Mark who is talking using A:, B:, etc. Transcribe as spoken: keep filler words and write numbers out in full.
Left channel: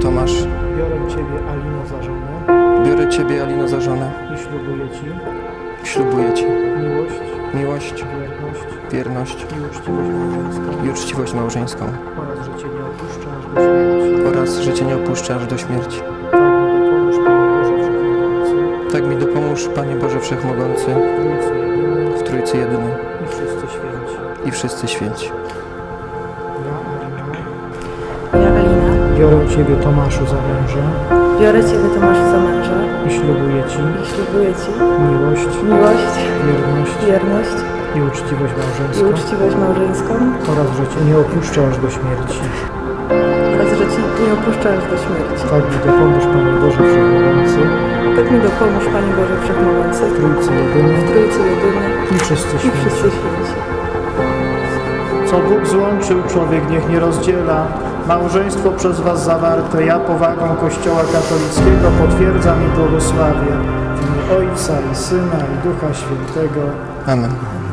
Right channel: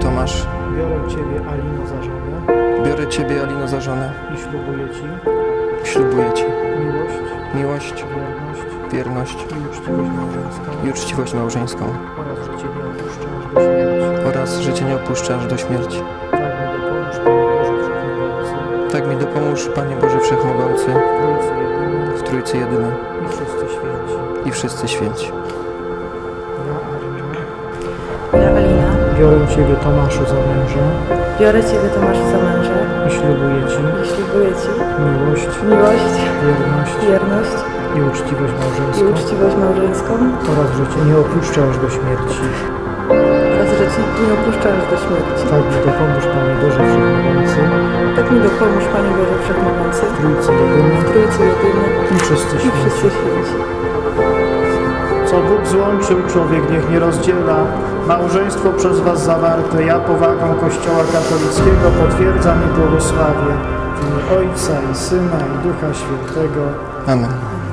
A: Tomasz,
B: biorę Ciebie, Alino, za żonę
A: biorę Ciebie, Alino, za żonę
B: i ślubuję Ci
A: ślubuję Ci
B: miłość,
A: miłość,
B: wierność
A: wierność
B: i uczciwość małżeńską
A: i uczciwość małżeńską
B: oraz, że Cię nie opuszczę aż do śmierci.
A: oraz, że Cię nie opuszczę aż do śmierci.
B: Tak mi dopomóż, Panie Boże Wszechmogący,
A: Tak mi dopomóż, Panie Boże Wszechmogący,
B: w Trójcy Jedyny
A: w Trójcy Jedynej
B: i wszyscy święci.
A: i wszyscy święci.
B: Ja, Alina,
C: Ja, Alina,
B: biorę Ciebie, Tomaszu, za męża
C: biorę Ciebie, Tomaszu, za męża
B: i ślubuję Ci
C: i ślubuję Ci
B: miłość,
C: miłość,
B: wierność
C: wierność
B: i uczciwość
C: i
B: małżeńską
C: uczciwość małżeńską
B: oraz, że Cię nie opuszczę aż do śmierci.
C: oraz, że Ci nie opuszczę aż do śmierci.
B: Tak mi dopomóż, Panie Boże Wszechmogący,
C: Tak mi dopomóż, Panie Boże Wszechmogący,
B: w Trójcy Jedyny
C: w Trójcy Jedyny
B: i wszyscy
C: i
B: święci.
C: wszyscy święci.
B: Co Bóg złączył, człowiek niech nie rozdziela. Małżeństwo przez Was zawarte, ja powagą Kościoła katolickiego potwierdzam i błogosławię w imię Ojca i Syna i Ducha Świętego.
A: Amen.